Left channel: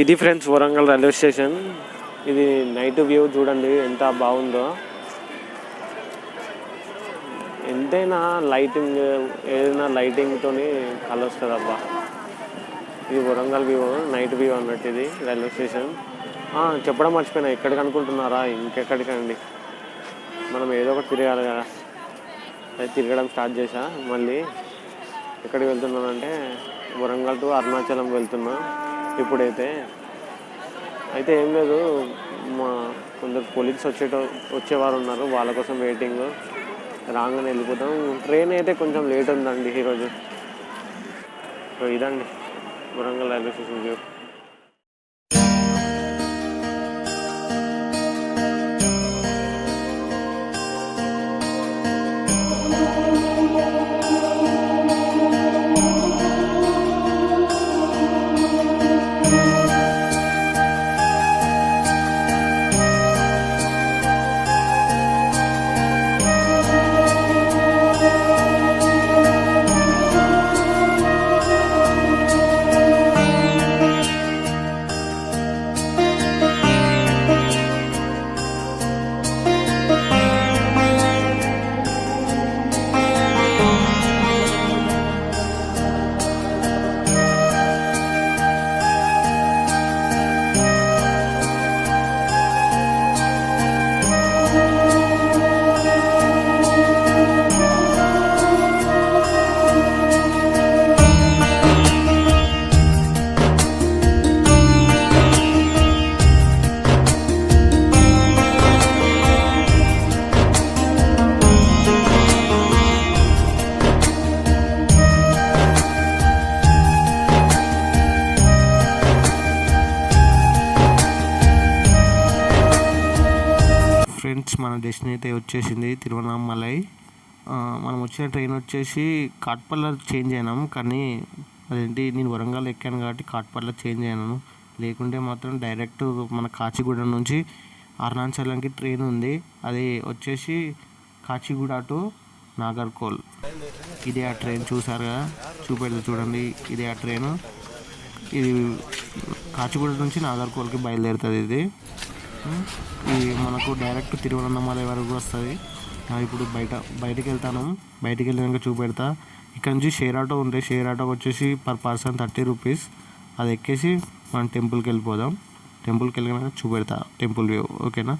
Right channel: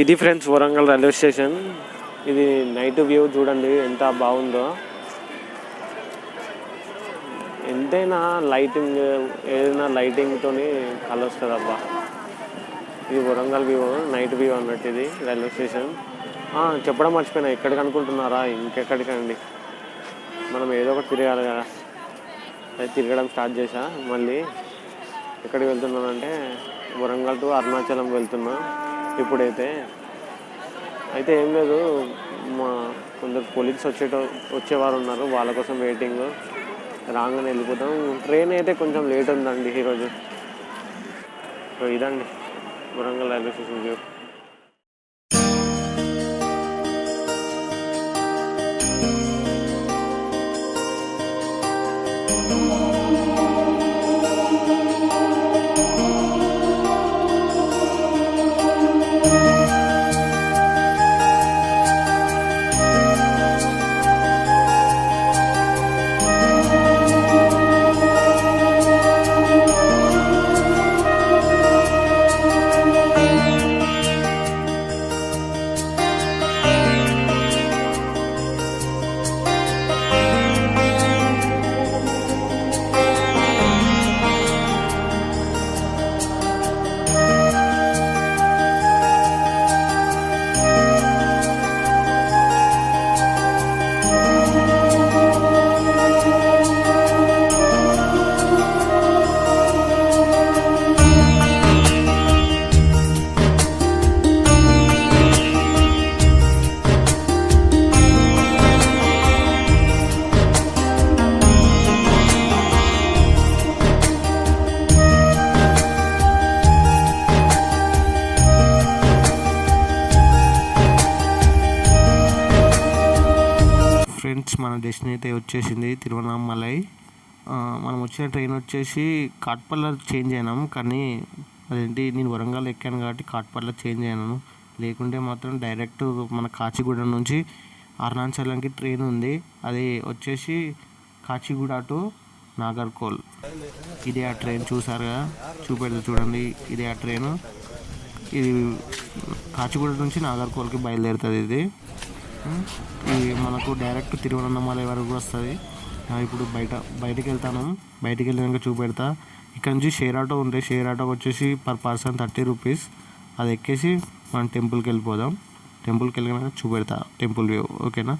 ఇది friends Warangal railway station. ఇది night view చూడండి ఎంత బాగుందో. ఎంతైనా లైటింగ్ ఏదైనా లైటింగ్తో కలొస్తుంది అబ్బా. ఇది వరంగల్ వ్యూ, నైట్ వ్యూ అన్నట్టు ఇది రైల్వే స్టేషన్. చెప్పడం మర్చిపోయినా, ఎక్కడికి అనుకుంటున్నారా? ఇంకెక్కడికండి, మనం ఏదో ఒకటి తిరగాలి కదా. అది తిరగడం స్టార్ట్ చేశా. మళ్ళీ ఎక్కడికి వెళ్తున్నానంటే వరంగల్ టు అరుణాచలం వెళ్తున్నా ఇప్పుడైతే. అయితే ఏం లేదు, మా కొందరు కొలీగ్స్ వచ్చేవారు ఉన్నారు, వాళ్ళ కోసం వెయిటింగ్. రాగానే వెళ్ళిపోతాం. ట్రైన్ అయితే కొంచెం లేట్ ఉందండి ఈరోజు. సో ఇదండి Warangal railway station view. Friends, మన డెస్టినీ అయితే వచ్చేసింది తిరువన్నామలై. మనం వచ్చిన ట్రైన్ వచ్చేసి కాట్పల్లి చేంజ్ అయినాం. కానీ అదేంటి, నేను వరంగల్ ఎక్కాను కాబట్టి కాట్పల్లి చేంజ్ అయినాను. లేకుంటే మాత్రం డైరెక్ట్ మన కాచిగూడ నుంచి అరుణాచలంకి ట్రైన్ ఉంది. అది వచ్చేసి కాచిగూడ టు నాగర్కోల్. ఇదే ఆ ట్రైన్, చూసారుగా, చూపెడితే చూడండి. ఇదే ఆ ట్రైను. ఇది కాచిగూడ నుంచి నాగర్కోల్కి బయలుదేరుతుంది. ఇది మనకు డైరెక్ట్ తిరువన్నామలై వరకు వస్తుంది. ఇప్పుడు బయటికి వెళ్తాను. బయటికి వెళ్ళినాక చూపెడతా. ఇక్కడ నుంచి షేర్ ఆటో ఉంటాయి. షేర్ ఆటోకి వచ్చేసి పర్ పర్సన్ 30 రూపీస్. అది ఎక్కేసి మనం టెంపుల్కి వెళ్ళిపోదాం. టెంపుల్కి వెళ్ళినాక చూపెడతా టెంపుల్ వ్యూ. ఓకేనా?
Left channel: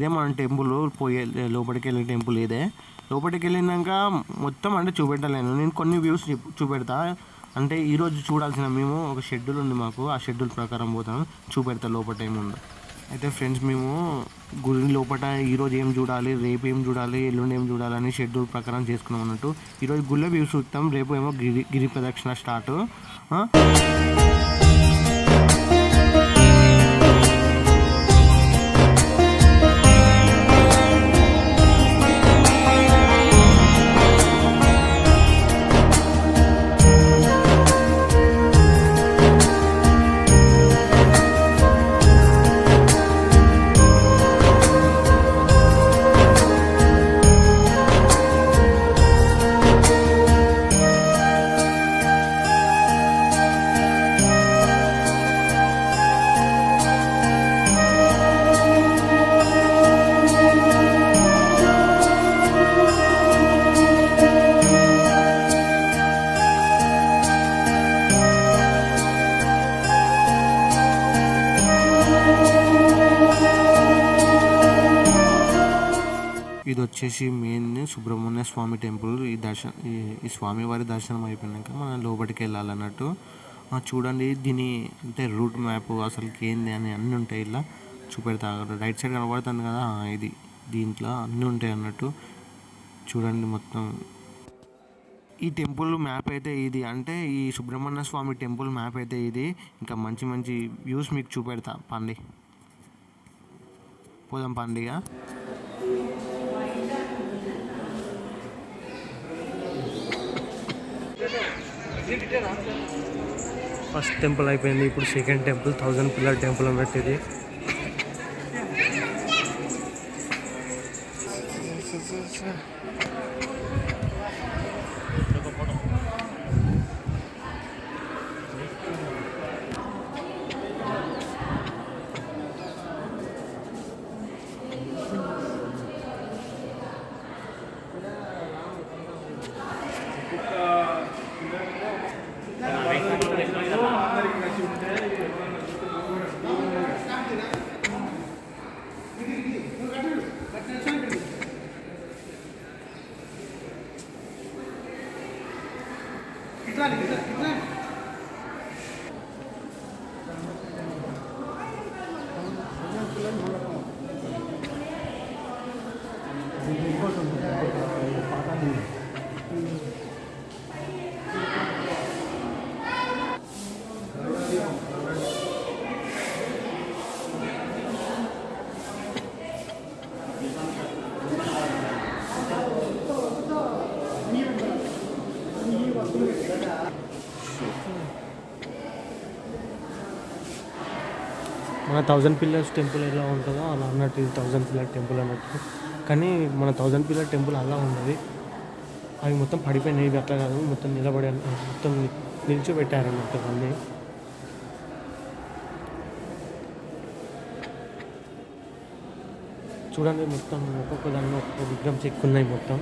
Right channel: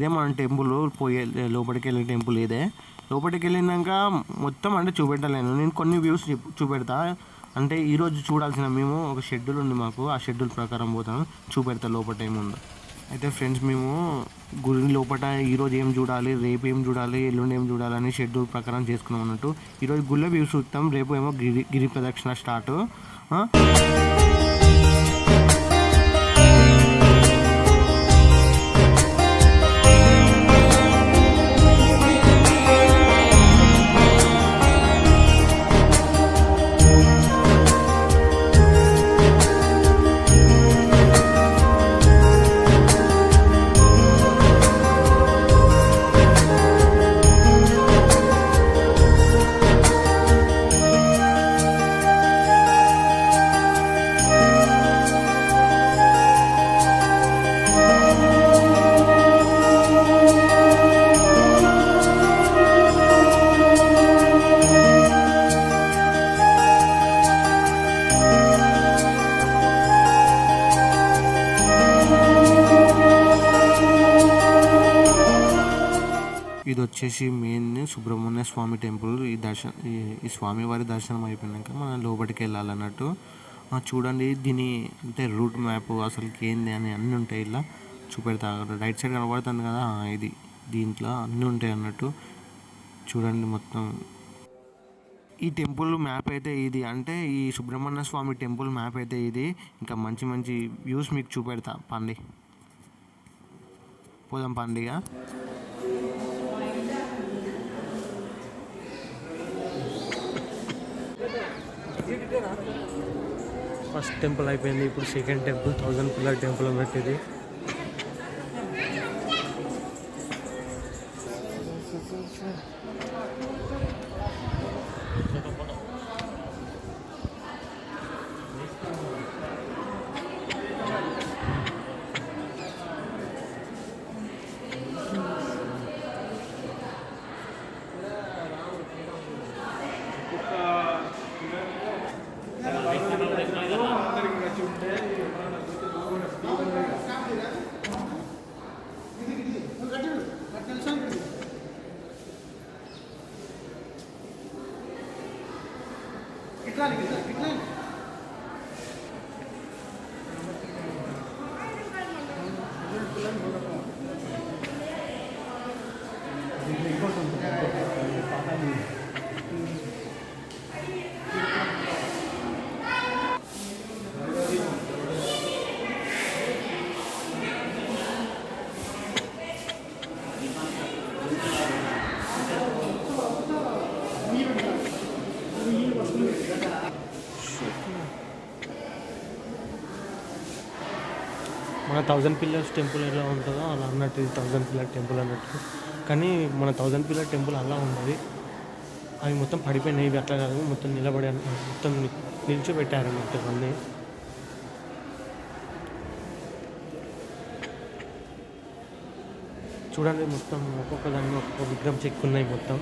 ఇదే మన టెంపుల్ పోయే లోపలికి వెళ్ళే టెంపుల్ ఇదే. లోపలికి వెళ్ళినాక మొత్తం అంటే చూపెట్టలేను, నేను కొన్ని వ్యూస్ చూపెడతా. అంటే ఈరోజు చూడాల్సిన మేము ఒక షెడ్యూల్ ఉంది మాకు, ఆ షెడ్యూల్ ప్రకారం పోతాం, చూపెడతా లోపల ఏముందో. అయితే ఫ్రెండ్స్ మేము గుడి లోపల ఈరోజు ఏం చూడాలి, రేపు ఏం చూడాలి, ఎల్లుండి ఏం చూడాలని షెడ్యూల్ ప్రకారం చేసుకున్నాం అన్నట్టు. ఈరోజు గుళ్ళ వ్యూస్ చూస్తాం, రేపు ఏమో గిరి ప్రదక్షిణ స్టార్ట్. ఇది వచ్చేసి మెయిన్ సుబ్రహ్మణ్య స్వామి టెంపుల్. ఈ స్వామివారి దర్శనం అయిపోయినాక మనం లోపలికి వెళ్ళాలన్నట్టు. చూడండి దీని అంటే రూట్ మ్యాప్ అసలుకి ఏంది అని అన్నీ ఉంటాయి, ఇలా చూపెడతా. రైట్ సైడ్ కనబడుతుంది కదా, ఇది దీంట్లో అన్నీ ఉంటాయి అన్నట్టు. చూడండి మొత్తం ఈ టెంపుల్ మ్యాప్ అయితే ఇది, అంటే ఈ సుబ్రహ్మణ్య స్వామి టెంపుల్ మ్యాప్ అయితే ఇది. ఇంకా మంచి మంచి వ్యూస్ మీకు చూపెడతా, పండి పోదాం పండిగా. ఫస్ట్ టెంపుల్ అయిపోయింది, ఇప్పుడు సెకండ్ టెంపుల్ 1000 పిల్లర్ టెంపుల్ అన్నట్టు ఇది. మన 1000 పిల్లర్స్ టెంపుల్ ఎలా ఉంటుందో అలా అన్నట్టు ఇది 1000 పిల్లర్ టెంపుల్ అన్నట్టు. కానీ మన 1000 పిల్లర్ టెంపుల్ అలా ఉండదు, అవి మొత్తం పడిపోయినాయి. ఇవి అట్లా కాదు, మొత్తం నిలబడి మొత్తం నిలిచిపెట్టారు అన్నట్టు అన్నీ. చూడండి మొత్తం ఒక్కొక్క దాన్ని ఒక్కొక్క విగ్రహం చెక్కున్నాయి మొత్తం.